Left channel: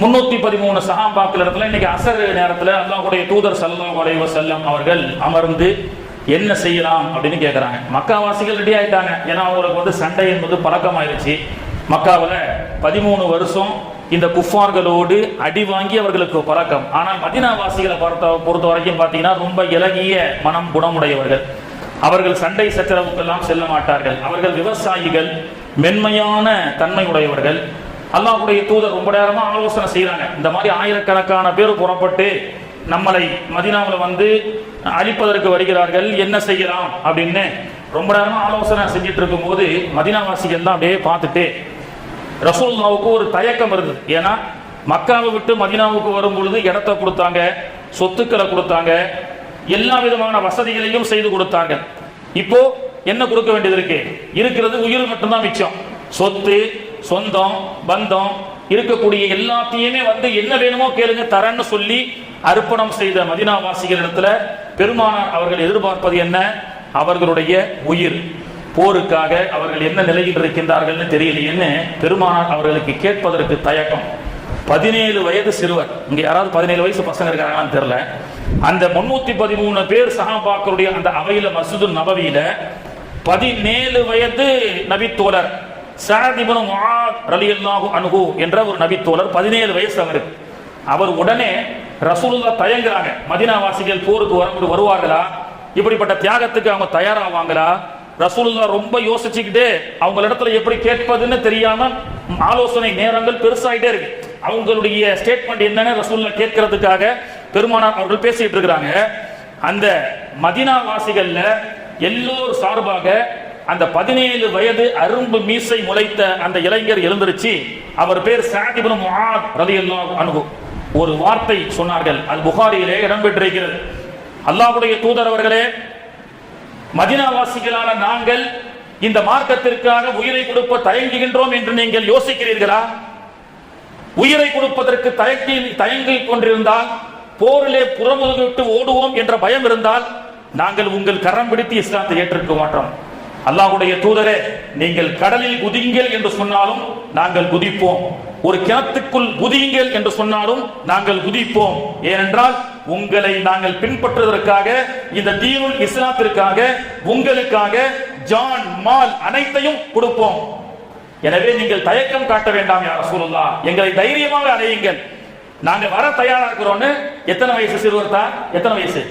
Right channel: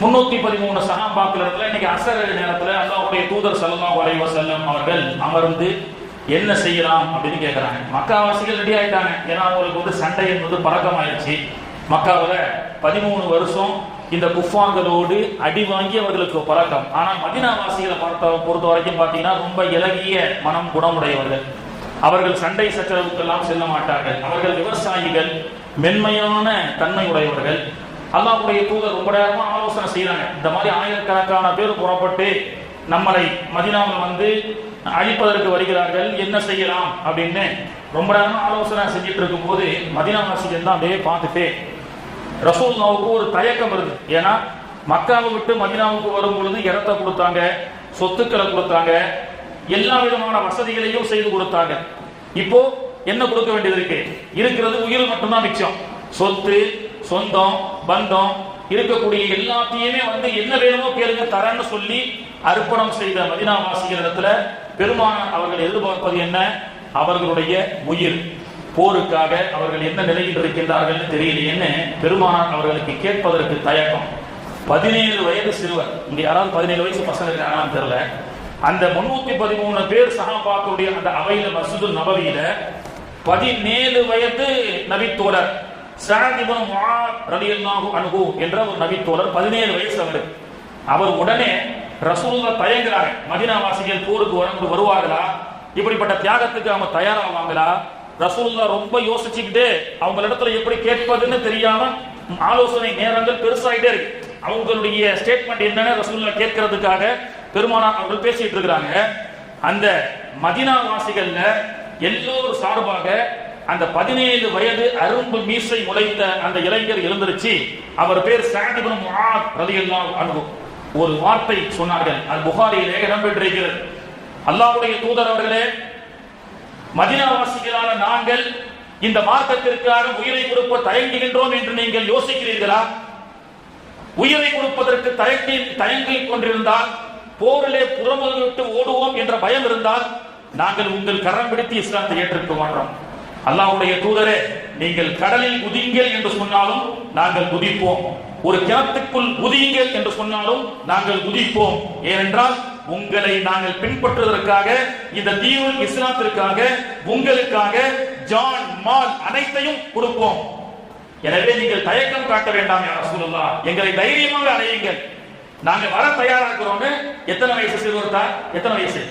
313 சஹாபாக்கள் இடத்துல இன்னைக்கு அசர் நேரத்துல அல்லாஹ்வுடைய தூதர் ஸல்லல்லாஹு அலைஹி வஸல்லம் அவர்கள் அமர்ந்து என்ன செய்யலாம் அப்படின்னு கேட்கறாங்க. மக்காவாசிகள் ரெடி ஆயிட்டாங்க. ஏன்னா அவங்களுக்கு சண்டை என்பது பழக்கமாயிருச்சு. மக்காவில் 13 வருஷம் இந்த குஃபார்களோடு அடி வாங்கி அவர்களுக்கு பழக்கம். ஆனால் மதீனாவாசிகளை பொறுத்த வரைக்கும் பார்த்தீங்கன்னா ரொம்ப இலகிய மனம் குணமுடையவர்கள். அவர்கள் சண்டை சச்சரவுக்கெல்லாம் செல்ல மாட்டார்கள். அவர்கள் விவசாயிகள், மென்மையான தன்மை உடையவர்கள். அல்லாஹ்வுடைய தூதர் ரொம்ப நேரமா ஆலோசனை செய்யறாங்க. இந்த மாதிரி ஆயிரக்கணக்கான பேர் புறப்பட்டு நம்மளை மதீனாவில் அழிப்பதற்கு வருகிறார்கள், என்ன செய்யலாம் அப்படின்னு ரொம்ப நேரமா ஆலோசனை செஞ்சுட்டு இருக்கும் போது மதீனாவாசிகள் தான் அப்படியே பார்த்துட்டு ரசூலுல்லாஹ்வுக்கு ஒரு தயக்கம் வருது. ஏன்னா மக்காவை விட்டு மதீனாவுக்கு வரும் பொழுது இடத்தை கொடுத்தாங்க, சொத்துக்களை கொடுத்தாங்க, எல்லா விதமான வசதிகளையும் செய்து கொடுத்தாங்க. இப்போ என்ன கொடுக்க வேண்டியது இருக்கு? இருக்கிறது உயிர் மட்டும்தான் மிச்சம். சொத்து, சொந்தம், பந்தம் இருக்கக்கூடிய எல்லாத்தையுமே என்ன வேணுமோ கேளுங்க தரன்னு சொல்லி அர்ப்பணம் செய்த மதீனாவாசிகள் இடத்துல பெருமானார் அவர்கள் எதிர்பார்ப்பது என்ன? அவர்களுடைய உயிர். போருக்காக அவர்கள் என்ன நிலையில் இருக்கின்றார்கள் தெரியலையேன்னு பெருமானார் அவர்களுக்கு கேட்பதற்கு தயக்கம். 17 வயது சிறுவர். இங்க யாராவது 17 வயசு பசங்க இருக்காங்கன்னு தெரியல. அந்த 313 பேர் சஹாபாக்களுடைய அந்த அவையில மஸ்ஜிது நபவியில 17 வயது நபித்தோழர் சஅத் இப்னு முஆத் ரலியல்லாஹு அன்ஹு என்ற ஒரு நபித்தோழர், 17 வயசு அவருக்கு. அவர் உடனே ரசூலுல்லாஹ் தயங்குறாங்க. மதீனாவாசிகள் போருக்கு வருவார்களா? இப்படிப்பட்ட தியாகத்துக்கு அவங்க தயாராவாங்களா? ரசூலுல்லாஹ் ரொம்ப யோசிச்சுக்கிட்டு அவங்களிடத்துல எப்படி கேட்பதுன்னு தெரியாம ஆலோசனை நேரங்கள் பெருசாயிட்டே இருக்கு. அவங்களுடைய ஸ்டேட்மெண்ட் என்னன்னு ரசூலுல்லாஹ் கேட்கறதுக்காக பெருமானார் அவர்கள் பேசிட்டு இருக்கிறாங்க. அந்த மதீனாவாசிகள்ல எல்லோரும் சார்பாக அந்த 17 வயது அரும்பு மீசை முளைத்த அந்த இளைஞர் எழுந்திருச்சு. அவர் பேர் சஅத் இப்னு முஆத் ரலியல்லாஹு அன்ஹு. ஒரு வார்த்தை சொன்னார்கள். அது புகாரியிலே இடம்பெற்றிருக்கிறது. அல்லாஹ்வுடைய தூதர் அவர்களே, மதீனாவாசிகளான நாங்கள் இந்த மார்க்கத்திற்காக உயிரை கொடுக்க தயங்குகின்றோம் என்று நீங்கள் யோசிக்கிறீர்களா? உயிரை கொடுப்பதற்கு தயங்கிக் கொண்டிருந்தால், போரிலே புறமுதுகிட்டு ஓடுவோம் என்ற பயம் இருந்தால், நாங்கள் உங்கள் கரம் பிடித்து இஸ்லாத்தை ஏற்றுக்க மாட்டோம். அல்லாஹ்வுடைய தூதரே, நீங்கள் கடலில் குதிங்கள் என்று சொன்னாலும் நாங்கள் குதிப்போம். ஒரு கிணத்துக்குள் குதியுங்கள் என்று சொன்னாலும் நாங்கள் குதிப்போம். ஏனென்றால் உங்களை நாங்கள் பின்பற்றுவதற்காக, இந்த தீனுல் இஸ்லாத்திற்காக, உங்களுக்காக ஜான் மால் அனைத்தையும் கொடுப்போம். எனவே நீங்கள் தயக்கம் காட்ட வேண்டாம் யா ரசூலுல்லாஹ், எங்களை தைரியமாக அடையுங்கள், நாங்கள் வர தயாரா இருக்கிறோம்னு. எத்தனை வயசு சிறுவர் தான்? எத்தனை வயசு?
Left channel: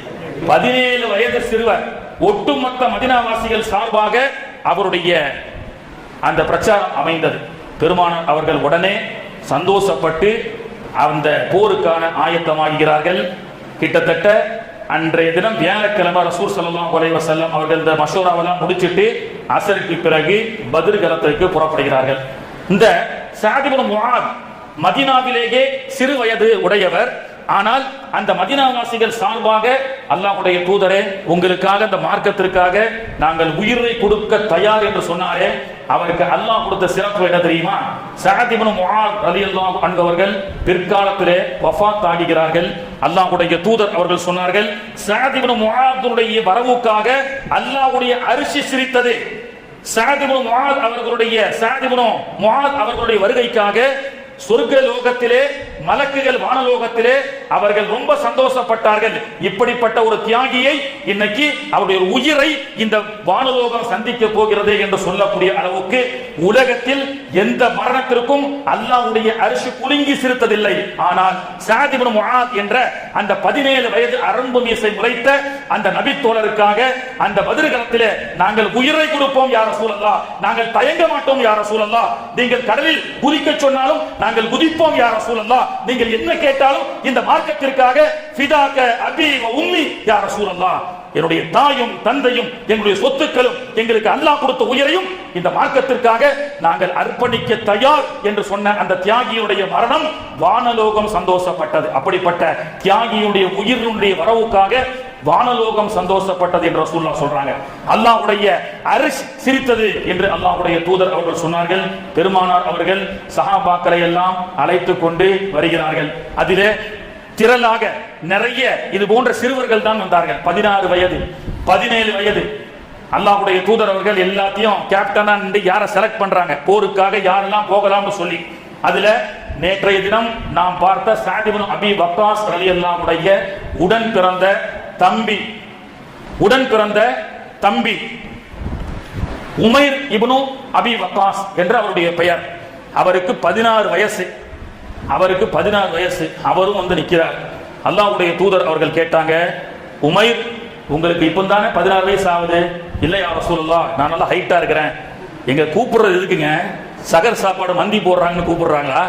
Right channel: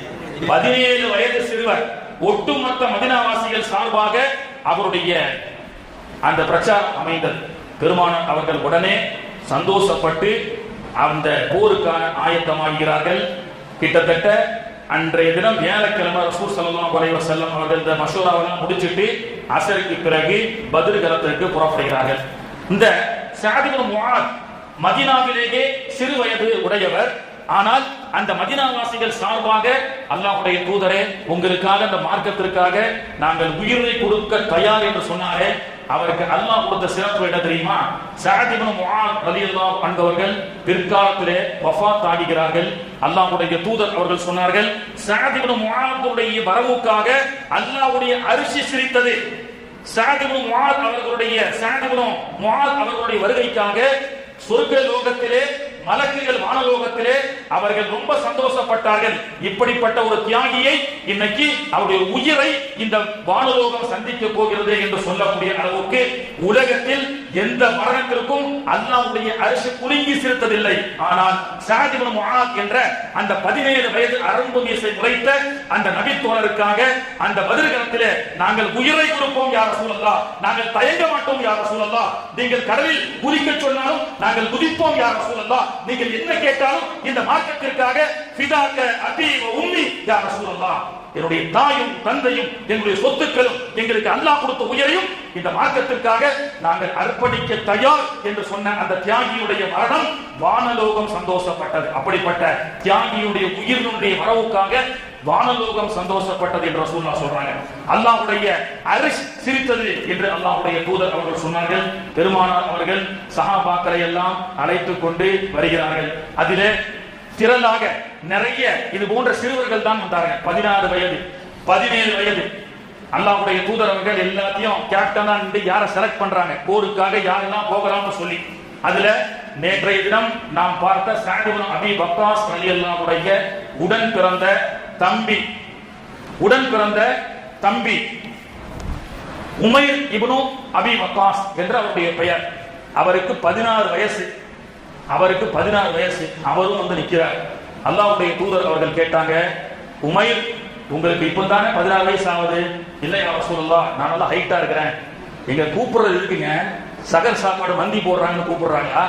17 வயது சிறுவர். ஒட்டுமொத்த மதீனாவாசிகள் சார்பாக அவருடைய அந்த பிரச்சாரம் அமைந்தது. பெருமானார் அவர்கள் உடனே சந்தோஷப்பட்டு அந்த போருக்கான ஆயத்தமாகிறார்கள். கிட்டத்தட்ட அன்றைய தினம் வியாழக்கிழமை ரசூல் ஸல்லல்லாஹு அலைஹி வஸல்லம் அவர்கள் இந்த மஷூராவெல்லாம் முடிச்சிட்டு அசருக்கு பிறகு பத்ர் களத்திற்கு புறப்படுகிறார்கள். இந்த சஅத் இப்னு முஆத் மதீனாவிலேயே சிறு வயது உடையவர். ஆனால் அந்த மதீனாவாசிகள் சார்பாக அல்லாஹ்வுடைய தூதரே, உங்களுக்காக, அந்த மார்க்கத்திற்காக நாங்கள் உயிரை கொடுக்க தயார் என்று சொன்னாரே, அவருக்கு அல்லாஹ் கொடுத்த சிறப்பு என்ன தெரியுமா? சஅத் இப்னு முஆத் ரலியல்லாஹு அன்ஹு அவர்கள் பிற்காலத்திலே வஃபாத் ஆகிறார்கள். அல்லாஹ்வுடைய தூதர் அவர்கள் சொன்னார்கள், சஅத் இப்னு முஆத்துடைய வரவுக்காக அல்லாஹ்வுடைய அரிசி சிரித்தது. சஅத் இப்னு முஆத் அவர்களுடைய வருகைக்காக சொர்க்க லோகத்திலே, மலக்குகள் வானலோகத்திலே அவர்கள் ரொம்ப சந்தோஷப்பட்டார்கள். இப்படிப்பட்ட ஒரு தியாகியை இன்னைக்கு அவருடைய உயிரை இந்த வானலோகம் சந்திக்க போகிறது என்று சொல்லக்கூடிய அளவுக்கு உலகத்தில் எந்த மரணத்திற்கும் அல்லாஹ்வுடைய அரிசி குலுங்கி சிரித்ததில்லை. ஆனால் சஅத் இப்னு முஆத் என்ற அந்த 17 வயது அரும்பு மீசை முளைத்த அந்த நபித்தோழருக்காக அந்த பத்ர் களத்திலே நாங்கள் உயிரை கொடுப்போம் யா ரசூலல்லாஹ், நாங்கள் தயங்க மாட்டோம் யா ரசூலல்லாஹ், நீங்கள் கடலில் குதிக்க சொன்னாலும் நாங்கள் குதிப்போம் யா ரசூலல்லாஹ், நீங்கள் என்ன கேட்டாலும் இந்த மார்க்கத்திற்காக ஃபிதாக அபி வ உம்மி யா ரசூலல்லாஹ், என்னுடைய தாயும் தந்தையும் எங்களுடைய சொத்துக்களும் எங்களுக்கு அல்லாஹ் கொடுத்த உயிரையும் இந்த மார்க்கத்திற்காக நாங்கள் அர்ப்பணிக்க தயார் என்று சொன்ன அந்த தியாகியுடைய மரணம் வானலோகம் சந்தோஷப்பட்டது. அப்படிப்பட்ட தியாகியுடைய உயிரினுடைய வரவுக்காக வானலோகம் சந்தோஷப்பட்டது என்று ரசூலுல்லாஹ் சொல்றாங்க. அல்லாஹ்வுடைய அரிசி சிரித்தது என்று அல்லாஹ்வுடைய தூதர் அவர்கள் சொன்னார்கள். பெருமானார் அவர்கள் சஹாபாக்களை எல்லாம் அழைத்துக் கொண்டு வருகிறார்கள். அதிலே திரளாக நிறைய இது போன்ற சிறுவர்கள் தான் வந்தார்கள். 16 வயது, 17 வயது. அல்லாஹ்வுடைய தூதர் அவர்கள் எல்லாத்தையும் கேப்டனா யாரை செலக்ட் பண்றாங்க, போருக்காக யாரெல்லாம் போகலாம்னு சொல்லி அதுல நேற்றைய தினம் நாம் பார்த்த சஅத் இப்னு அபி வக்காஸ் ரலியல்லாஹு அன்ஹுடைய உடன் பிறந்த தம்பி உமைர் இப்னு அபி வக்காஸ் என்ற அவருடைய பெயர். அவருக்கு 16 வயசு. அவரும் வந்து நிற்கிறார். அல்லாஹ்வுடைய தூதர் அவர்கள் கேட்டாங்க, உமைர், உங்களுக்கு இப்பதானே 16 வயசு ஆகுது? இல்லை யா ரசூலுல்லாஹ், நான் நல்லா ஹைட்டா இருக்கிறேன். எங்க கூப்பிடுறது இருக்குங்க, சகர் சாப்பாடு மந்தி போடுறாங்கன்னு கூப்பிடுறாங்களா?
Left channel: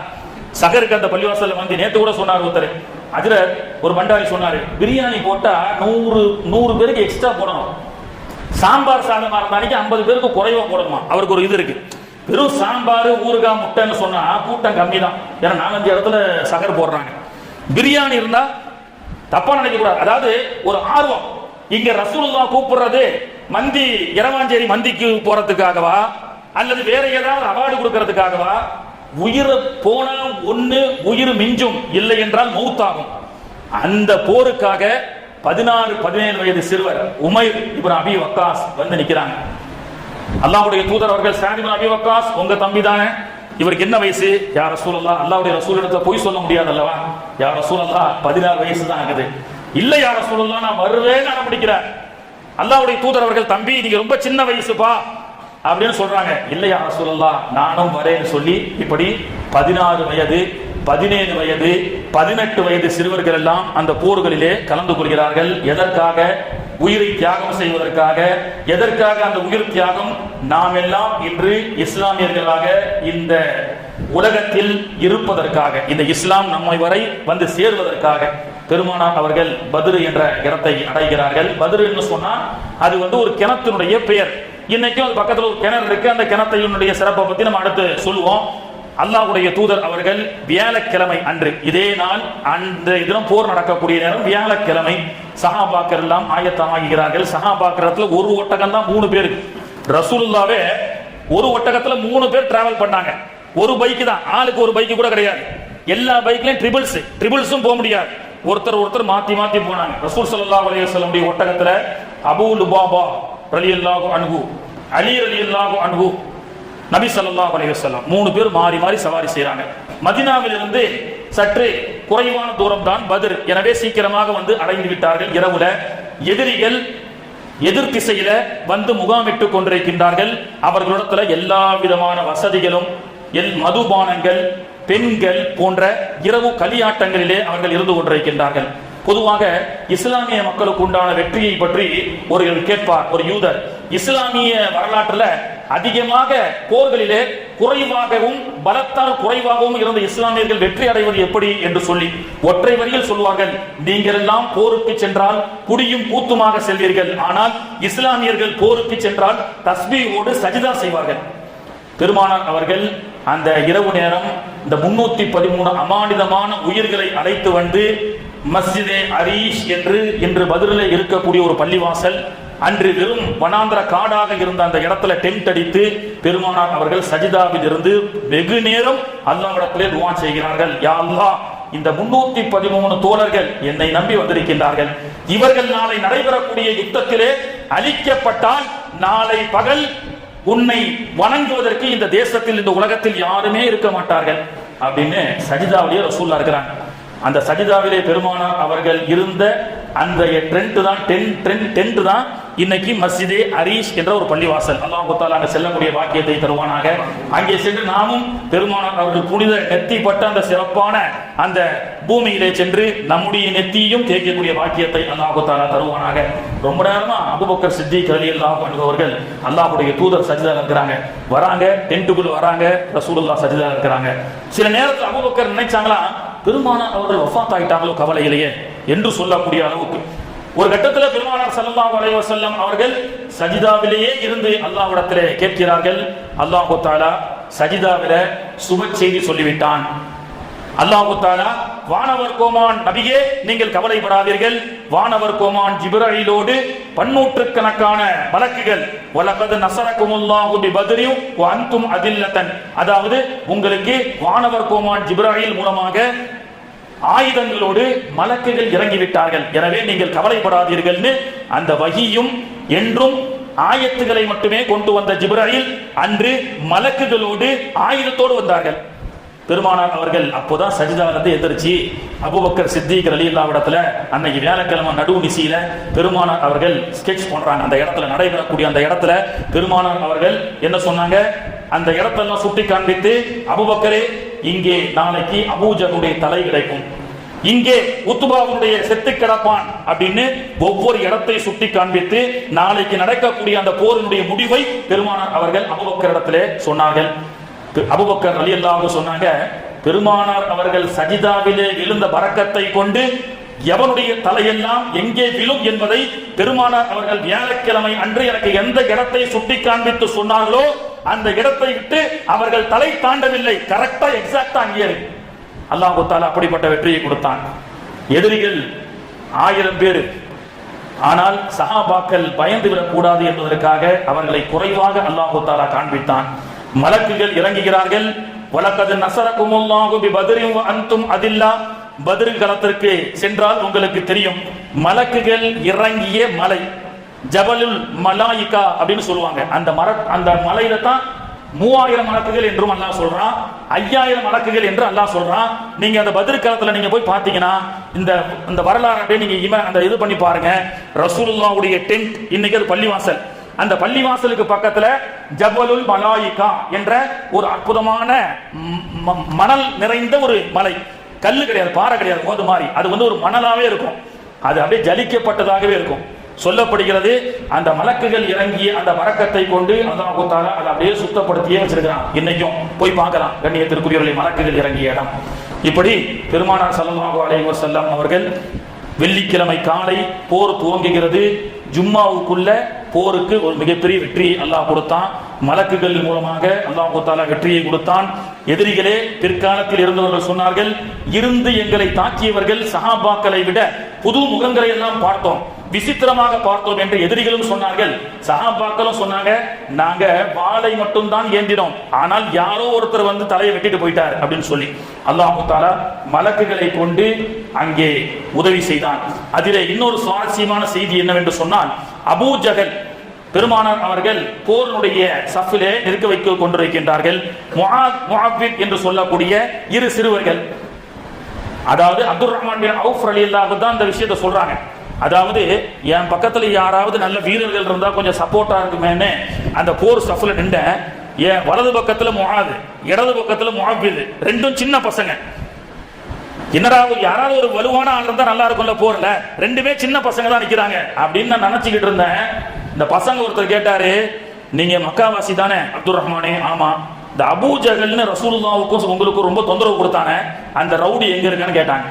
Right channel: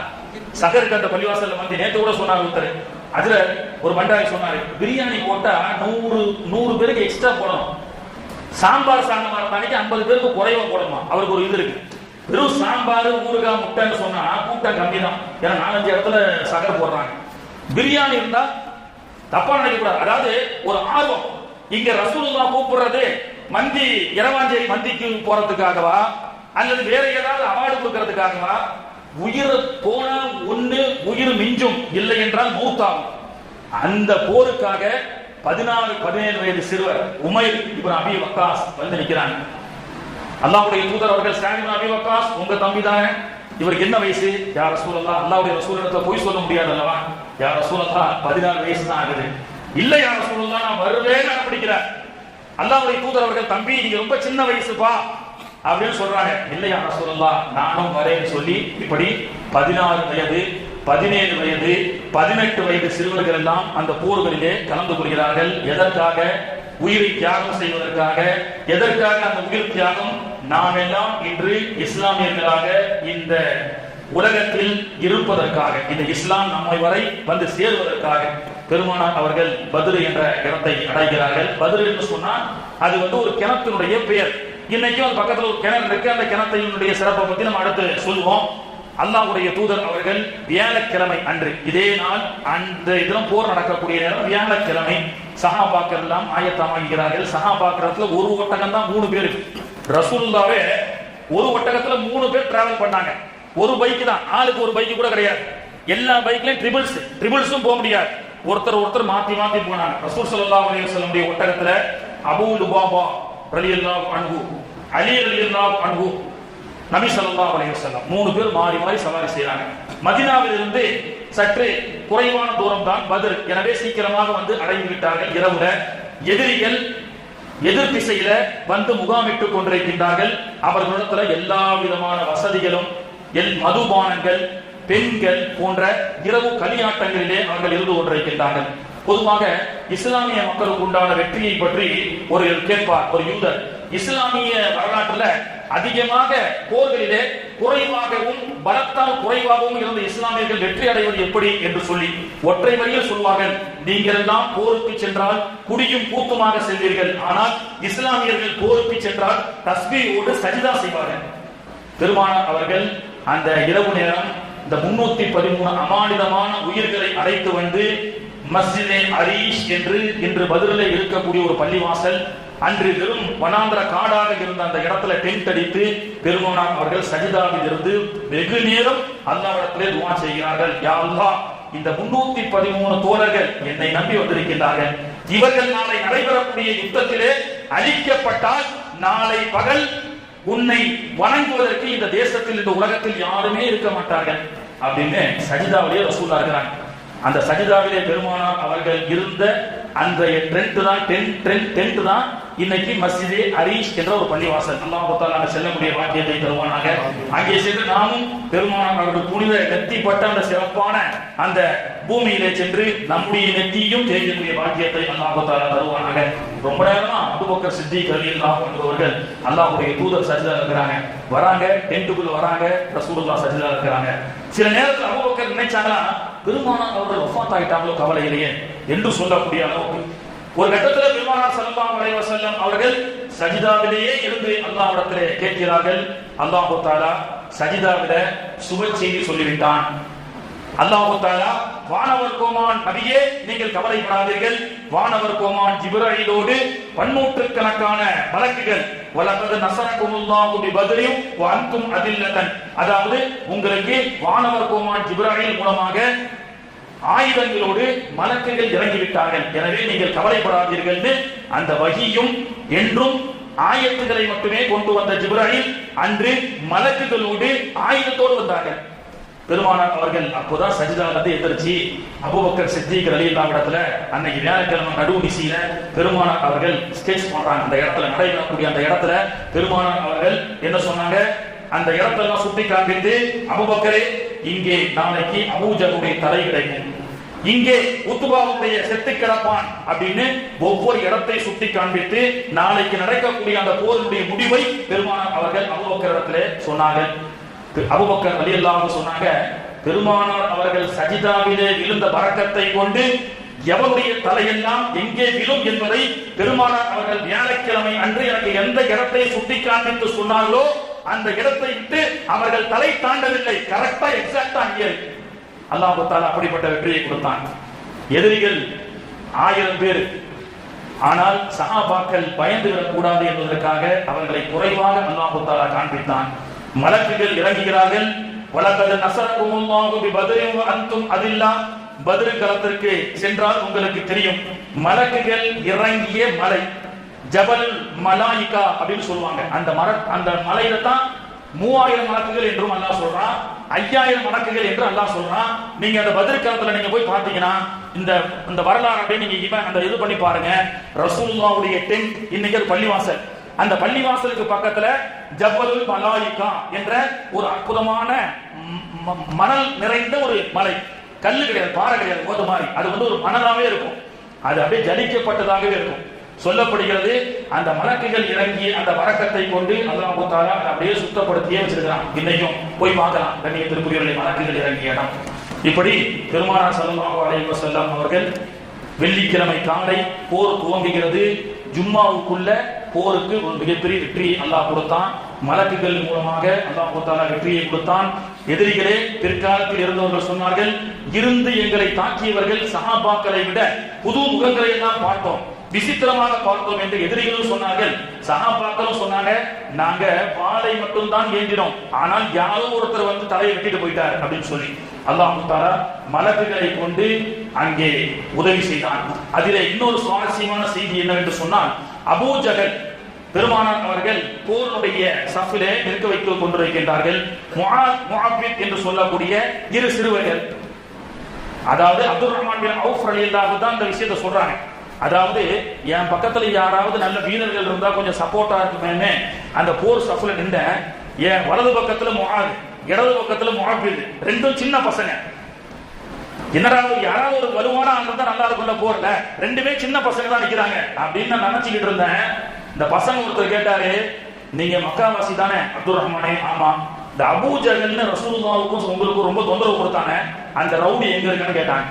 சகருக்கு அந்த பள்ளிவாசல்ல மந்தி. நேற்று கூட சொன்னார் ஒருத்தர், அதுல ஒரு பண்டாரி சொன்னாரு, பிரியாணி போட்டா 100 பேருக்கு எக்ஸ்ட்ரா போடணும். சாம்பார் சாதமா இருந்தாலும் 50 பேருக்கு குறைவா போடணுமா? அவருக்கு ஒரு இது இருக்கு. வெறும் சாம்பார் ஊறுகாய் முட்டைன்னு சொன்னா கூட்டம் கம்மி தான். ஏன்னா 4-5 இடத்துல சகர் போடுறாங்க. பிரியாணி இருந்தா தப்பா நினைக்க கூடாது. அதாவது ஒரு ஆர்வம். இங்க ரசூலுல்லாஹ் கூப்பிடுறது மந்தி, இரவாஞ்சேரி மந்திக்கு போறதுக்காகவா அல்லது வேற ஏதாவது அவார்டு கொடுக்கறதுக்காகவா? உயிர் போனா ஒண்ணு உயிர் மிஞ்சும், இல்லை என்றால் மௌத்தாகும். அந்த போருக்காக 16-17 வயது சிறுவர் உமைர் இப்னு அபி வக்காஸ் வந்து நிக்கிறாங்க. அல்லாஹ்வுடைய தூதர் அவர்கள், சஅத் இப்னு அபி வக்காஸ் உங்க தம்பி தானே, இவருக்கு என்ன வயசு? யா ரசூலுல்லாஹ், அல்லாஹ்வுடைய ரசூலிடத்துல போய் சொல்ல முடியாது அல்லவா? யா ரசூலுல்லாஹ் 16 வயசு தான் ஆகுது. இல்ல யா ரசூலுல்லாஹ், நான் வருவேன்னு அனுப்பிக்கிறார். அல்லாஹ்வுடைய தூதர் அவர்கள், தம்பி நீங்க ரொம்ப சின்ன வயசுப்பா அப்படின்னு சொல்றாங்க. இல்ல யா ரசூலுல்லாஹ், நானும் வரேன்னு சொல்லி இப்படி 16 வயது, 17 வயது, 18 வயது சிறுவர்கள் எல்லாம் அந்த போர்களிலே கலந்து கொள்கிறார்கள். எதற்காக? உயிரை தியாகம் செய்வதற்காக. எதற்காக அந்த உயிர் தியாகம்? நாம் எல்லாம் இன்று இஸ்லாமியர்களாக இந்த உலகத்தில் இருப்பதற்காக, இந்த இஸ்லாம் நம்மை வரை வந்து சேருவதற்காக. பெருமானார் அவர்கள் பத்ர் என்ற இடத்தை அடைகிறார்கள். பத்ர் என்று சொன்னா அது வந்து ஒரு கிணத்தினுடைய பெயர். இன்னைக்கும் ஒரு பக்கத்தில் ஒரு கிணறு இருக்கு. அந்த கிணத்தினுடைய சிறப்பை பத்தி நம்ம அடுத்து சொல்லுவோம். அல்லாஹ்வுடைய தூதர் அவர்கள் வியாழக்கிழமை அன்று, இதே நாள் அந்த இதெல்லாம் போர் நடக்கக்கூடிய நேரம் வியாழக்கிழமை, சஹாபாக்கள் எல்லாம் ஆயத்தமாகிறார்கள். சஹாபாக்கள் ஒரு ஒட்டகம் தான் 3 பேருக்கு. ரசூலுல்லாவே ஒரு ஒட்டகத்துல 3 பேர் டிராவல் பண்ணாங்க. ஒரு பைக் தான், ஆளுக்கு ஒரு பைக் கூட கிடையாது. எல்லா பைக்லயும் ட்ரிபிள்ஸும் போக முடியாது. ஒருத்தர் மாத்தி போனாங்க. ரசூல் ஸல்லல்லாஹு அலைஹி வஸல்லம் உடைய ஒட்டகத்துல அபூ லுபாபா ரலியல்லாஹு அன்ஹு, அலி ரலியல்லாஹு அன்ஹு, நபி ஸல்லல்லாஹு அலைஹி வஸல்லம் 3 பேர் மாறி சவாரி செய்றாங்க. மதீனாவில் இருந்து சற்று குறைவான தூரம் தான் பத்ர். எனவே சீக்கிரமாக வந்து அடைந்து விட்டார்கள். இரவுல எதிரிகள் எதிர் திசையில வந்து முகாமிட்டுக் கொண்டிருக்கின்றார்கள். அவர்களிடத்துல எல்லா விதமான வசதிகளும், மதுபானங்கள், பெண்கள் போன்ற இரவு களியாட்டங்களிலே அவர்கள் இருந்து கொண்டிருக்கின்றார்கள். பொதுவாக இஸ்லாமிய மக்களுக்கு உண்டான வெற்றியை பற்றி ஒரு கேட்பார் ஒரு யூதர். இஸ்லாமிய வரலாற்றுல அதிகமாக போர்களிலே குறைவாகவும் பலத்தால் குறைவாகவும் இருந்த இஸ்லாமியர்கள் வெற்றி அடைவது எப்படி என்று சொல்லி ஒற்றை வரியில் சொல்வார்கள், நீங்கள் எல்லாம் போருக்கு சென்றால் குடியும் கூத்துமாக செல்வீர்கள், ஆனால் இஸ்லாமியர்கள் போருக்கு சென்றால் தஸ்பீஹோடு சஜிதா செய்வார்கள். பெருமானார் அவர்கள் அந்த இரவு நேரம் இந்த 313 அமானிதமான உயிர்களை அழைத்து வந்து மஸ்ஜிதே அரீஷ் என்று இன்று பத்ரிலே இருக்கக்கூடிய ஒரு பள்ளிவாசல், அன்று வெறும் வனாந்திர காடாக இருந்த அந்த இடத்துல டென்ட் அடித்து பெருமானார் அவர்கள் சஜிதாவில் இருந்து வெகு நேரம் அல்லாஹ்விடத்திலே துஆ செய்கிறார்கள். யா அல்லாஹ், இந்த 313 தோழர்கள் என்னை நம்பி வந்திருக்கின்றார்கள். இவர்கள் நாளை நடைபெறக்கூடிய யுத்தத்திலே அழிக்கப்பட்டால் நாளை பகல் உன்னை வணங்குவதற்கு இந்த தேசத்தில், இந்த உலகத்தில் யாருமே இருக்க மாட்டார்கள் அப்படின்னு சஜிதாவிலே ரசூலுல்லாஹ் இருக்கிறாங்க. அந்த சஜிதாவிலே பெருமானார் அவர்கள் இருந்த அந்த டென்ட் தான் இன்னைக்கு மஸ்ஜிதே அரீஷ் என்ற ஒரு பள்ளிவாசல். அல்லாஹ் தஆலா செல்லக்கூடிய வாக்கியத்தை தருவானாக. அங்கே சென்று நாமும் பெருமானார் அவர்கள் புனித நெத்திப்பட்ட அந்த சிறப்பான அந்த பூமியிலே சென்று நம்முடைய நெத்தியும் தேய்க்கக்கூடிய வாக்கியத்தை அல்லாஹ் தஆலா தருவானாக. ரொம்ப நேரமா அபூபக்கர் சித்திக் ரலியல்லாஹு அன்ஹு அவர்கள் அல்லாஹ்வுடைய தூதர் சஜிதால இருக்கிறாங்க. வராங்க, டென்ட்டுக்குள்ள வராங்க, ரசூலுல்லாஹ் சஜிதால இருக்கிறாங்க. சில நேரத்தில் அபூபக்கர் நினைச்சாங்களா, பெருமானார் அவர்கள் வஃபாத் ஆயிட்டாங்களோ கவலையிலேயே என்று சொல்லக்கூடிய அளவுக்கு ஒரு கட்டத்தில் பெருமானார் ஸல்லல்லாஹு அலைஹி வஸல்லம் அவர்கள் சஜிதாவிலேயே இருந்து அல்லாஹ்விடத்திலே கேட்கிறார்கள். அல்லாஹ் தஆலா சஜிதாவிலே சுப செய்தி சொல்லிவிட்டான். அல்லாஹ் தஆலா வானவர் கோமான் நபியே நீங்கள் கவலைப்படாதீர்கள், வானவர் கோமான் ஜிப்ரீலோடு 100 கணக்கான மலக்குகள் வலகத் நஸரகுமுல்லாஹு பிபத்ரி வ அன்தும் அதில்லத்தன், அதாவது உங்களுக்கு வானவர் கோமான் ஜிப்ரீல் மூலமாக ஆயுதங்களோடு மலக்குகள் இறங்கிவிட்டார்கள், எனவே நீங்கள் கவலைப்படாதீர்கள். அந்த வஹியும் என்றும் ஆயத்துகளை மட்டுமே கொண்டு வந்த ஜிப்ரீல் அன்று மலக்குகளோடு ஆயுதத்தோடு வந்தார்கள். பெருமானார் அவர்கள் அப்போதான் சஜிதாவிலிருந்து எதிர்ச்சி அபூபக்கர் சித்திக் ரலியல்லாஹு இடத்துல அன்னைக்கு வியாழக்கிழமை நடுவு நிசியில பெருமானார் அவர்கள் ஸ்கெட்ச் பண்றாங்க. அந்த இடத்துல நடைபெறக்கூடிய அந்த இடத்துல பெருமானார் அவர்கள் என்ன சொன்னாங்க, அந்த இடத்தெல்லாம் சுட்டி காண்பித்து, அபூபக்கரே இங்கே நாளைக்கு அபூஜஹலுடைய தலை கிடைக்கும், இங்கே உத்பாவுடைய செத்து கிடப்பான் அப்படின்னு ஒவ்வொரு இடத்தை சுட்டி காண்பித்து நாளைக்கு நடக்கக்கூடிய அந்த போரினுடைய முடிவை பெருமானார் அவர்கள் அபூபக்கர் இடத்திலே சொன்னார்கள். அபூபக்கர் ரலியல்லாஹு சொன்னாங்க, பெருமானார் அவர்கள் சஜிதாவிலே விழுந்த பரக்கத்தை கொண்டு எவனுடைய தலையெல்லாம் எங்கே விழும் என்பதை பெருமானார் அவர்கள் வியாழக்கிழமை அன்று எனக்கு எந்த இடத்தை சுட்டி காண்பித்து சொன்னார்களோ அந்த இடத்தை விட்டு அவர்கள் தலை தாண்டவில்லை. கரெக்டா எக்ஸாக்டா அங்கே இருக்கு. அல்லாஹ் தஆலா அப்படிப்பட்ட வெற்றியை கொடுத்தான். எதிரிகள் 1000 பேர், ஆனால் சஹாபாக்கள் பயந்து விடக்கூடாது என்பதற்காக அவர்களை குறைவாக அல்லாஹ் தஆலா காண்பித்தான். மலக்குகள் இறங்குகிறார்கள். வலகத் நஸரகுமுல்லாஹு பிபத்ரின் வ அன்தும் அதில்லா. பத்ர் களத்திற்கு சென்றால் உங்களுக்கு தெரியும், மலக்குகள் இறங்கிய மலை ஜபலுல் மலாயிகா அப்படின்னு சொல்லுவாங்க. அந்த மலையில தான் 3000 மலக்குகள் என்றும் அல்லாஹ் சொல்றான், 5000 மலக்குகள் என்று அல்லாஹ் சொல்றான். நீங்க அந்த பத்ர் களத்துல நீங்க போய் பாத்தீங்கன்னா இந்த வரலாறு அப்படியே நீங்க அந்த இது பண்ணி பாருங்க. ரசூலுல்லாஹ்வுடைய டென்ட், இன்னைக்கு அது பள்ளிவாசல், அந்த பள்ளிவாசலுக்கு பக்கத்துல ஜபலுல் மலாயிகா என்ற ஒரு அற்புதமான மணல் நிறைந்த ஒரு மலை, கல்லு கிடையாது, பாறை கிடையாது, மோது மாதிரி, அது ஒரு மணலாவே இருக்கும், அது அப்படியே ஜலிக்கப்பட்டதாகவே இருக்கும். சொல்லப்படுகிறது அந்த மலக்குகள் இறங்கிய அந்த வரக்கத்தை கொண்டு அல்லாஹ் தஆலா அதை அப்படியே சுத்தப்படுத்தியே வச்சிருக்கிறான். இன்னைக்கும் போய் பார்க்கலாம் கண்ணியத்திற்குரியவர்களை, மலக்குகள் இறங்கிய இடம். இப்படி பெருமானார் ஸல்லல்லாஹு அலைஹி வஸல்லம் அவர்கள் வெள்ளிக்கிழமை காலை போர் துவங்குகிறது. ஜும்மாவுக்குள்ள போருக்கு ஒரு மிகப்பெரிய வெற்றி அல்லாஹ் கொடுத்தான். மலக்குகள் மூலமாக அல்லாஹ் தஆலா வெற்றியை கொடுத்தான். எதிரிகளே பிற்காலத்தில் இருந்தவர்கள் சொன்னார்கள், இருந்து எங்களை தாக்கியவர்கள் சஹாபாக்களை விட புது முகங்களை எல்லாம் பார்த்தோம், விசித்திரமாக பார்த்தோம் என்று எதிரிகளும் சொன்னார்கள். சஹாபாக்களும் சொன்னாங்க, நாங்க வாளை மட்டும் தான் ஏந்தினோம், ஆனால் யாரோ ஒருத்தர் தலையை வெட்டிட்டு போயிட்டார் அப்படின்னு சொல்லி அல்லாஹ் தஆலா மலக்குகளை கொண்டு அங்கே உதவி செய்தான். அதிலே இன்னொரு சுவாரஸ்யமான செய்தி என்னவென்று சொன்னால், அபூஜஹல் பெருமானார் அவர்கள் போருடைய சஃபிலே நிற்க வைக்க கொண்டிருக்கின்றார்கள். முஆத், முஅவ்வித் என்று சொல்லக்கூடிய 2 சிறுவர்கள், அதாவது அப்துர் ரஹ்மான் பின் அவுஃப் ரலியல்லாஹு தான் இந்த விஷயத்தை சொல்றாங்க. அதாவது என் பக்கத்துல யாராவது நல்ல வீரர்கள் இருந்தா கொஞ்சம் சப்போர்ட்டா இருக்குமேன்னு அந்த போர் சஃப்ல நின்ற, என் வலது பக்கத்துல முஆத், இடது பக்கத்துல முஅவ்வித், ரெண்டும் சின்ன பசங்க. என்னடா யாராவது ஒரு வலுவான ஆள் இருந்தா நல்லா இருக்கும்ல போர்ல, ரெண்டுமே சின்ன பசங்க தான் நிக்கிறாங்க அப்படின்னு நான் நினைச்சுக்கிட்டு இருந்தேன். இந்த பசங்க ஒருத்தர் கேட்டாரு, நீங்க மக்காவாசி தானே அப்துர் ரஹ்மானே? ஆமா. இந்த அபூஜஹல்னு ரசூலுல்லாஹ்வுக்கும் உங்களுக்கு ரொம்ப தொந்தரவு கொடுத்தானே, அந்த ரவுடி எங்க இருக்கான்னு கேட்டாங்க.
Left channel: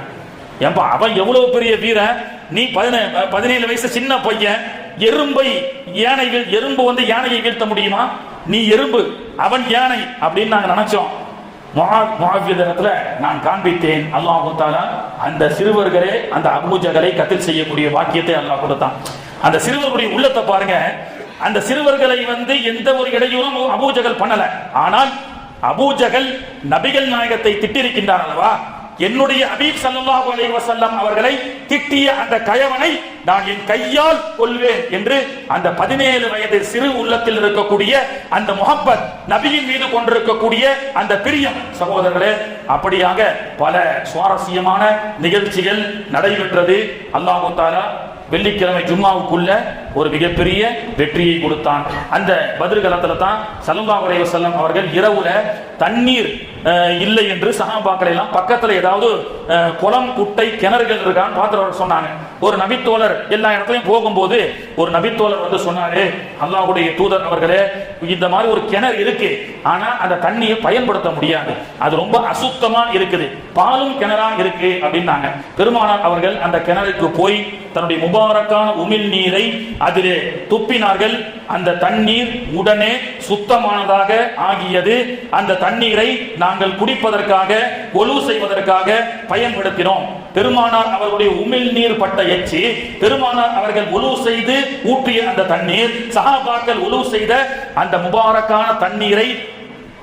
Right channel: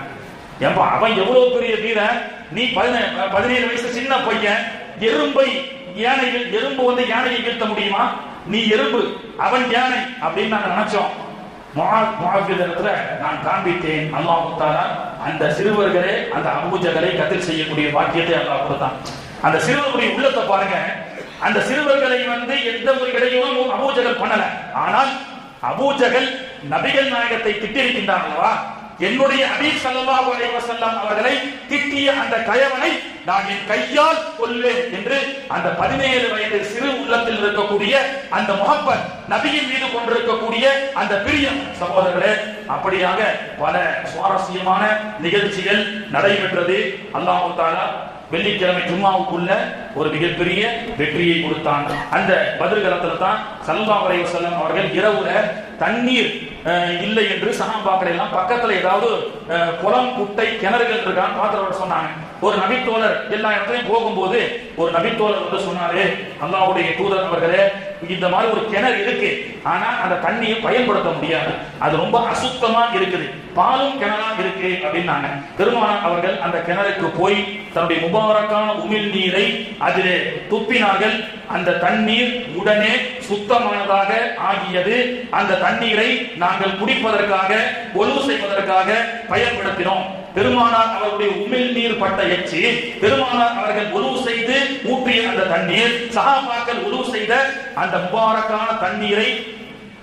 ஏன்பா அவன் எவ்வளவு பெரிய வீரன், நீ 17 வயசு சின்ன பையன், எறும்பை எறும்பு யானையை வீழ்த்த முடியுமா? நீ எறும்பு, அவன் யானை அப்படின்னு நாங்க நினைச்சோம். முஆவியத்துல நான் காண்பித்தேன். அல்லாஹ் தஆலா அந்த சிறுவர்களே அந்த அபூஜஹலை கத்ல் செய்யக்கூடிய வாக்கியத்தை அல்லாஹ் கொடுத்தான். அந்த சிறுவர்களுடைய உள்ளத்தை பாருங்க. அந்த சிறுவர்களை எந்த ஒரு இடையூறும் அபூஜஹல் பண்ணல. ஆனால் அபூஜஹல் நபிகள் நாயகத்தை திட்டிருக்கின்றார் அல்லவா, என்னுடைய ஹபீப் ஸல்லல்லாஹு அலைஹி வஸல்லம் அவர்களை திட்டிய அந்த கயவனை நான் என் கையால் கொல்வேன் என்று அந்த 17 வயது சிறு உள்ளத்தில் இருக்கக்கூடிய அந்த முஹப்பத், நபியின் மீது கொண்டிருக்கக்கூடிய அந்த பிரியம், சகோதரர்களே, அப்படியாக பல சுவாரஸ்யமான நிகழ்ச்சிகள் நடைபெற்றது. அல்லாஹ் தஆலா வெள்ளிக்கிழமை ஜும்மாவுக்குள்ள ஒரு மிகப்பெரிய வெற்றியை கொடுத்தான். அந்த பத்ர் களத்துல தான் ஸல்லல்லாஹு அலைஹி வஸல்லம் அவர்கள் இரவுல தண்ணீர் இல்லை என்று சஹாபாக்கள் எல்லாம் பக்கத்துல ஏதாவது குளம், குட்டை, கிணறுகள் இருக்கான்னு பார்த்து சொன்னாங்க. ஒரு நபித்தோழர் எல்லா இடத்துலையும் போகும்போது ஒரு நபித்தோழர் சொன்னாரு, அல்லாஹ்வுடைய தூதர் அவர்களே, இந்த மாதிரி ஒரு கிணறு இருக்கு, ஆனா அந்த தண்ணியை பயன்படுத்த முடியாது, அது ரொம்ப அசுத்தமா இருக்குது, பாலும் கிணறா இருக்கு அப்படின்னாங்க. பெருமானார் அவர்கள் அந்த கிணறுக்கு போய் தன்னுடைய முபாரக்கான உமிழ் நீரை அதிலே துப்பினார்கள். அந்த தண்ணீர் உடனே சுத்தமானதாக ஆகியது. அந்த தண்ணீரை நாங்கள் குடிப்பதற்காக, ஒழு செய்வதற்காக பயன்படுத்தினோம். பெருமானார் அவர்களுடைய உமிழ் நீர் பட்ட எச்சி, பெருமானார் அவர்கள் ஒழு செய்து ஊற்றிய அந்த தண்ணீர், சஹாபாக்கள் ஒழு செய்த அந்த முபாரக்கான தண்ணீரை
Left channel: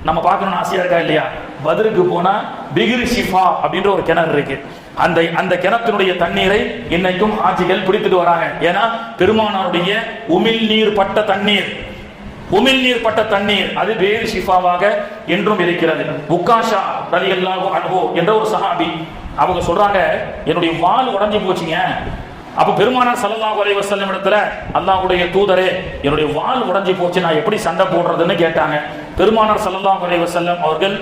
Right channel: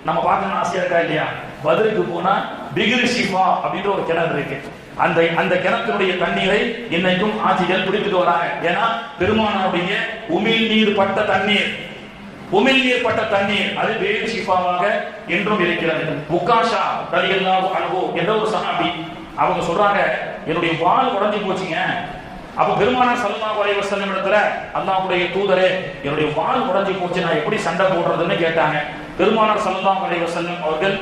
நம்ம பார்க்கணும்னு ஆசையா இருக்கா இல்லையா? பத்ருக்கு போனா பிகிர் ஷிஃபா அப்படின்ற ஒரு கிணறு இருக்கு. அந்த கிணத்தினுடைய தண்ணீரை இன்னைக்கும் ஆட்சிகள் பிடித்துட்டு வராங்க. ஏன்னா பெருமானாருடைய உமிழ் நீர் பட்ட தண்ணீர், உமிழ் நீர் பட்ட தண்ணீர் அது வேறு ஷிஃபாவாக என்றும் இருக்கிறது. உக்காஷா ரலியல்லாஹு அன்ஹு என்ற ஒரு சஹாபி, அவங்க சொல்றாங்க, என்னுடைய வால் உடைஞ்சு போச்சுங்க. அப்ப பெருமானார் ஸல்லல்லாஹு அலைஹி வஸல்லம் இடத்துல, அல்லாஹ்வுடைய தூதரே, என்னுடைய வால் உடைஞ்சு போச்சு, நான் எப்படி சண்டை போடுறதுன்னு கேட்டாங்க. பெருமானார் ஸல்லல்லாஹு அலைஹி வஸல்லம் அவர்கள்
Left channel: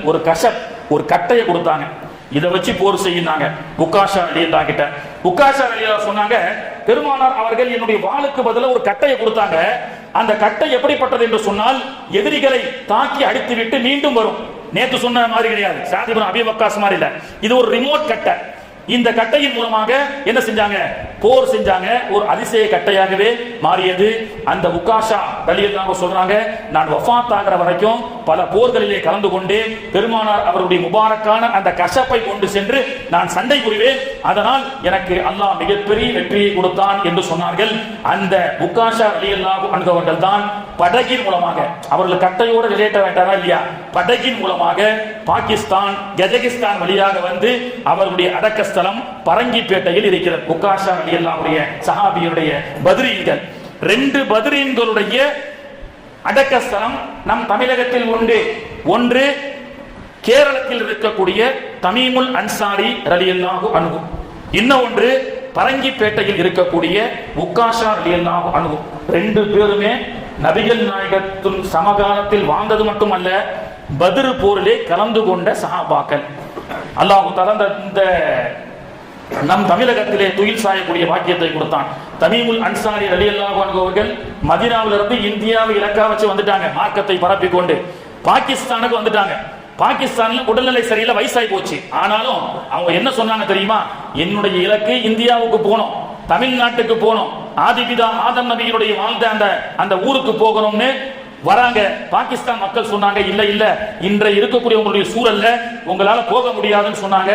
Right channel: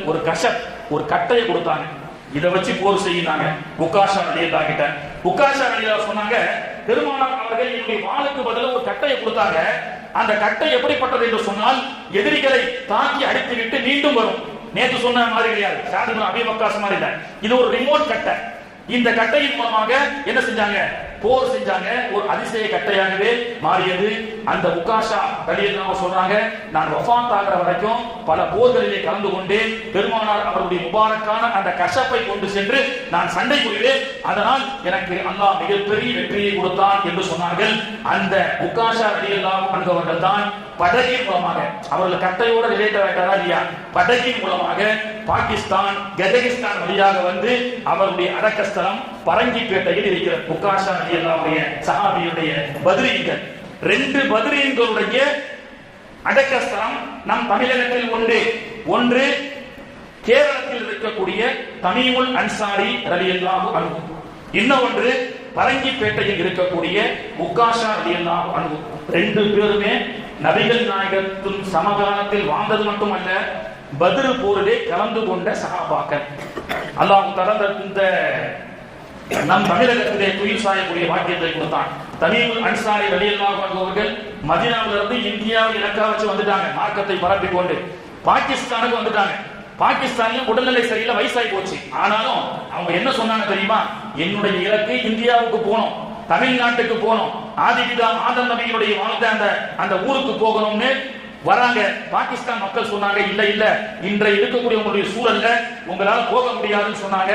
ஒரு கட்டையை கொடுத்தாங்க. இதை வச்சு போர் செய்யினாங்க உக்காஷா ரலியல்லாஹு கிட்ட. உக்காஷா ரலியல்லாஹு சொன்னாங்க, பெருமானார் அவர்கள் என்னுடைய வாளுக்கு பதிலாக ஒரு கட்டையை கொடுத்தாங்க. அந்த கட்டை எப்படிப்பட்டது என்று சொன்னால், எதிரிகளை தாக்கி அடித்து விட்டு மீண்டும் வரும். நேற்று சொன்ன மாதிரி கிடையாது, சாத் இப்னு அபீ வக்காஸ் மாதிரி இல்ல, இது ஒரு ரிமோட் கட்டை. இந்த கட்டையின் மூலமாக என்ன செஞ்சாங்க, போர் செஞ்சாங்க. ஒரு அதிசய கட்டையாகவே மாறியது. அந்த உக்காஷா ரலியல்லாஹு சொல்றாங்க, நான் வஃபாத் ஆகிற வரைக்கும் பல போர்களிலே கலந்து கொண்டு பெருமானார் அவருடைய முபாரக்கான அந்த கஷப்பை கொண்டு சென்று நான் சண்டை புரிவேன், அதனால் எனக்கு அல்லாஹ் மிகப்பெரிய வெற்றியை கொடுத்தான் என்று சொன்னார்கள். அந்த உக்காஷா ரலியல்லாஹு அன்ஹு அவர்கள் தான் படகின் மூலமாக, அவர்கள் கட்டையோட ரிலேட் ஆயிட்டாரா இல்லையா, படகின் மூலமாக பாகிஸ்தான் கஜகிஸ்தான் வழியாக வந்து அவருடைய அடக்கஸ்தலம் பரங்கிப்பேட்டையில் இருக்கிறது. உக்காஷா ரலியல்லாஹு சஹாபியுடைய பத்ரீன்கள், 2 பத்ரீன்களுடைய அடக்கஸ்தலம் நம் தமிழகத்தில் உண்டு. ஒன்று கேரளத்தில் இருக்கக்கூடிய தமீமுல் அன்சாரி ரலியல்லாஹு அன்ஹு, இன்னொன்று பரங்கிப்பேட்டையில் இருக்கக்கூடிய உக்காஷா ரலியல்லாஹு அன்ஹு. 2 பேருமே நபிகள் நாயகத்தின் சமகாலத்தில் வாழ்ந்தது மட்டுமல்ல, பத்ர் போரிலே கலந்து கொண்ட சஹாபாக்கள். அல்லாஹ் தஆலா இந்த நம் தமிழகத்திலே துயில் சாயக்கூடிய பாக்கியத்தை கொடுத்தான். தமீமுல் அன்சாரி ரலியல்லாஹு அன்ஹு அவர்கள் மதீனாவிலிருந்து இந்தியாவை இலக்கா வச்சு வந்துட்டாங்க. மார்க்கத்தை பரப்பிக் கொண்டு பாகிஸ்தானுக்கு வந்துட்டாங்க. பாகிஸ்தான்ல உடல்நிலை சரியில்லை, வயசாகி போச்சு. ஆனாலும் அவங்க என்ன சொன்னாங்க தெரியுமா, என்னுடைய இலக்கு இந்தியாவுக்கு போகணும், தமிழ்நாட்டுக்கு போகணும், ஆதிபிதா ஆதம் நபிகளுடைய வாழ்ந்த அந்த ஊருக்கு போகணும்னு வராங்க. பாகிஸ்தான் மக்கள் சொன்னாங்க, இல்ல இல்ல, இன்றைய இருக்கக்கூடிய உங்களுடைய சூழல்ல உங்களால போக முடியாதுன்னு சொன்னாங்க.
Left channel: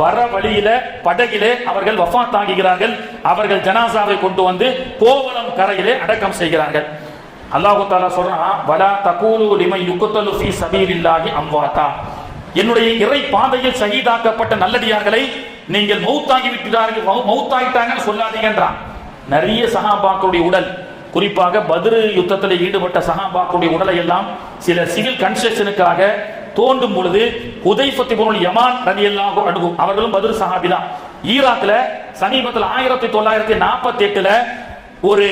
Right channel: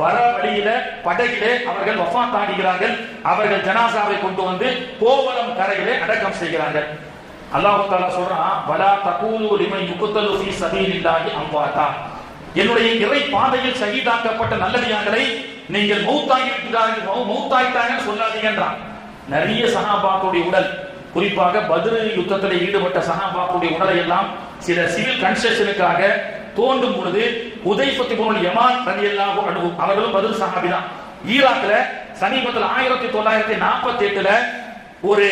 வர வழியில படகிலே அவர்கள் வஃபாத் ஆகிறார்கள். அவர்கள் ஜனாசாவை கொண்டு வந்து கோவளம் கரையிலே அடக்கம் செய்கிறார்கள். அல்லாஹ் தஆலா சொல்றான், வலா தகூலு லிமன் யுக்தலு ஃபீ ஸபீலில்லாஹி அம்வாதா, என்னுடைய இறை பாதையில் ஷஹீதாக்கப்பட்ட நல்லடியார்களை நீங்கள் மௌத்தாகிட்டாங்கன்னு சொல்லாதீங்கன்றான். நிறைய சஹாபாக்களுடைய உடல், குறிப்பாக பத்ர் யுத்தத்தில் ஈடுபட்ட சஹாபாக்களுடைய உடலை எல்லாம் சில சிவில் கன்ஸ்ட்ரக்ஷனுக்காக தோண்டும் பொழுது ஹுதைஃபத் இப்னுல் யமான் ரலியல்லாஹு அன்ஹு அவர்களும் பத்ர் சஹாபி தான். ஈராக்ல சமீபத்தில் 1948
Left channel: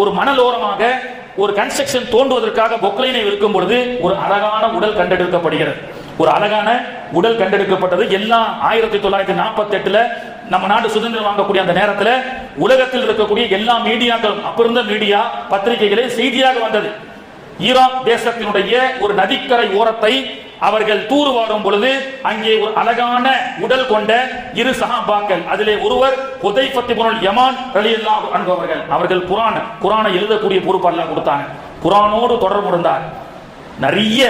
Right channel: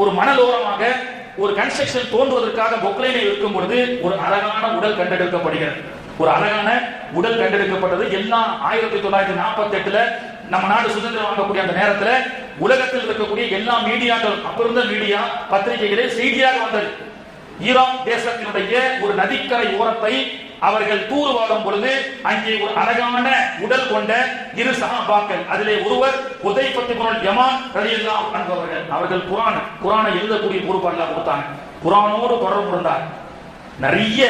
ஒரு மணலோரமாக ஒரு கன்ஸ்ட்ரக்ஷன் தோண்டுவதற்காக பொக்லைனை இருக்கும் பொழுது ஒரு அழகான உடல் கண்டெடுக்கப்படுகிறது. ஒரு அழகான உடல் கண்டெடுக்கப்பட்டது. எல்லாம் 1948 நம்ம நாடு சுதந்திரம் வாங்கக்கூடிய அந்த நேரத்தில் உலகத்தில் இருக்கக்கூடிய எல்லா மீடியாக்கள், அப்ப இருந்த மீடியா பத்திரிகைகளே செய்தியாக வந்தது. ஈராக் தேசத்தினுடைய ஒரு நதிக்கரை ஓரத்தை அவர்கள் தூர்வாரும் பொழுது அங்கே ஒரு அழகான உடல் கொண்ட 2 சஹாபாக்கள், அதிலே ஒருவர் ஹுதைஃபத் இப்னுல் யமான் ரலியல்லாஹு அன்ஹு அவர்கள் குர்ஆனை எழுதக்கூடிய பொறுப்பு அல்லாஹ் கொடுத்தாங்க. குர்ஆனோடு தொடர்பு இருந்தார். நிறைய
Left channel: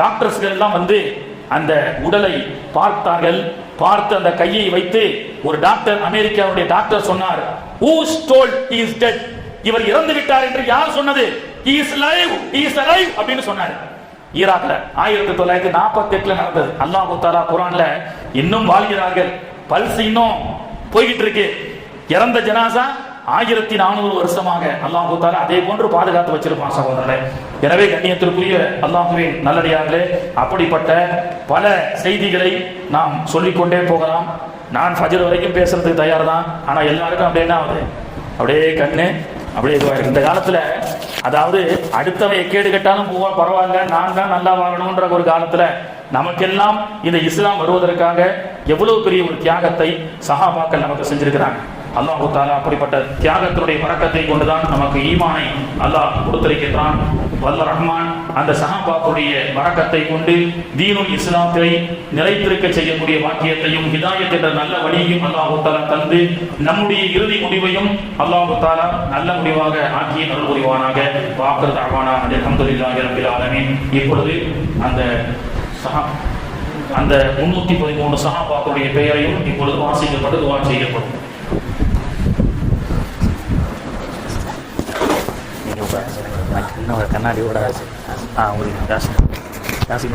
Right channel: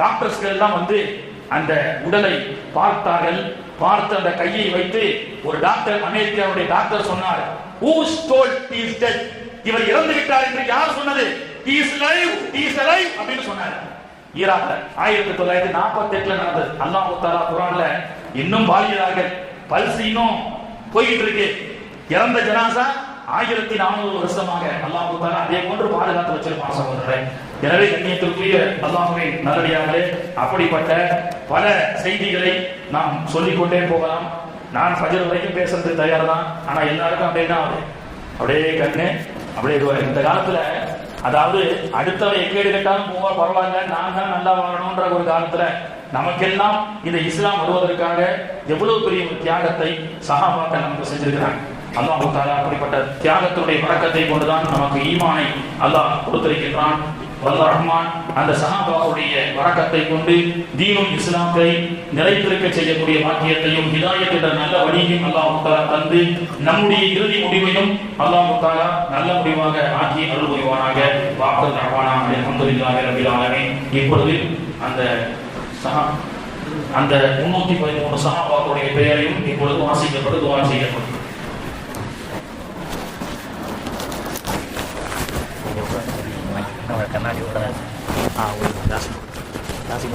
டாக்டர்ஸ்கள் எல்லாம் வந்து அந்த உடலை பார்த்தார்கள். பார்த்து அந்த கையை வைத்து ஒரு டாக்டர், அமெரிக்காவுடைய டாக்டர் சொன்னார், who told he is dead, இவர் இறந்து விட்டார் என்று யார் சொன்னது, he is alive அப்படின்னு சொன்னார். ஈராக்ல 1948 நடந்தது. அல்லாஹ் தஆலா குர்ஆன்ல இன்னும் வாழ்கிறார்கள், பல்ஸ் இன்னும் போயிட்டு இருக்கு. இறந்த ஜனாசா 1400 வருஷமாக அல்லாஹ் தஆலா அதே போன்று பாதுகாத்து வச்சிருப்பான் சகோதரரே. எனவே கண்ணியத்திற்குரிய அல்லாஹ்வின் நல்லடியார்களே, அப்படிப்பட்ட பல செய்திகளை நாம் சொல்லிக்கொண்டே போகலாம். நான் ஃபஜ்ர் வரைக்கும் பேசுறதுக்கு தயார் தான். ஆனா எல்லாருக்கும் அப்படியே கண்ணு அப்படியே இந்த காலத்துல, அதாவது அடுத்தவை கேடு கட்டாலும் போவா பரவாயில்ல, நான் தான் நல்லா வாழணும்ன்ற ஒரு காலத்துல நமக்கெல்லாம் இந்த இஸ்லாம் வருவதற்காக எவ்வளவு பெரிய ஒரு தியாகத்தை சஹாபாக்கள் நமக்கு செஞ்சிருக்கிறாங்க. அல்லாஹ் தஆலா அப்படிப்பட்ட தியாகத்தினுடைய பறக்கத்தை கொண்டுதான் நமக்கு ஈமானை அல்லாஹ் கொடுத்திருக்கிறான். வல்லர் ரஹ்மான் அந்த சஹாபாக்களுடைய பறக்கத்தை கொண்டு தீனுல் இஸ்லாத்தை நிலைத்திருக்க செய்யக்கூடிய வாக்கியத்தையும் ஹிதாயத் என்ற நல்ல வழியையும் அல்லாஹ் தஆலா தந்து நம்முடைய இறுதி முடிவையும் அல்லாஹ் தஆலா நல்ல முடிவாக ஆக்கி அருள் புரிவானாக. வாக்கர் தஅவானா அல்ஹம்துலில்லாஹி ரப்பில் ஆலமீன். இப்பொழுது அந்த 313 சஹாபாக்களுடைய பெயரையும் இப்பொழுது வாசிக்கப்பட்டு துஆ செய்யப்படும். கண்ணாடி ஓட உங்களுக்கு ஜாஸ்தி ஜாஸ்தி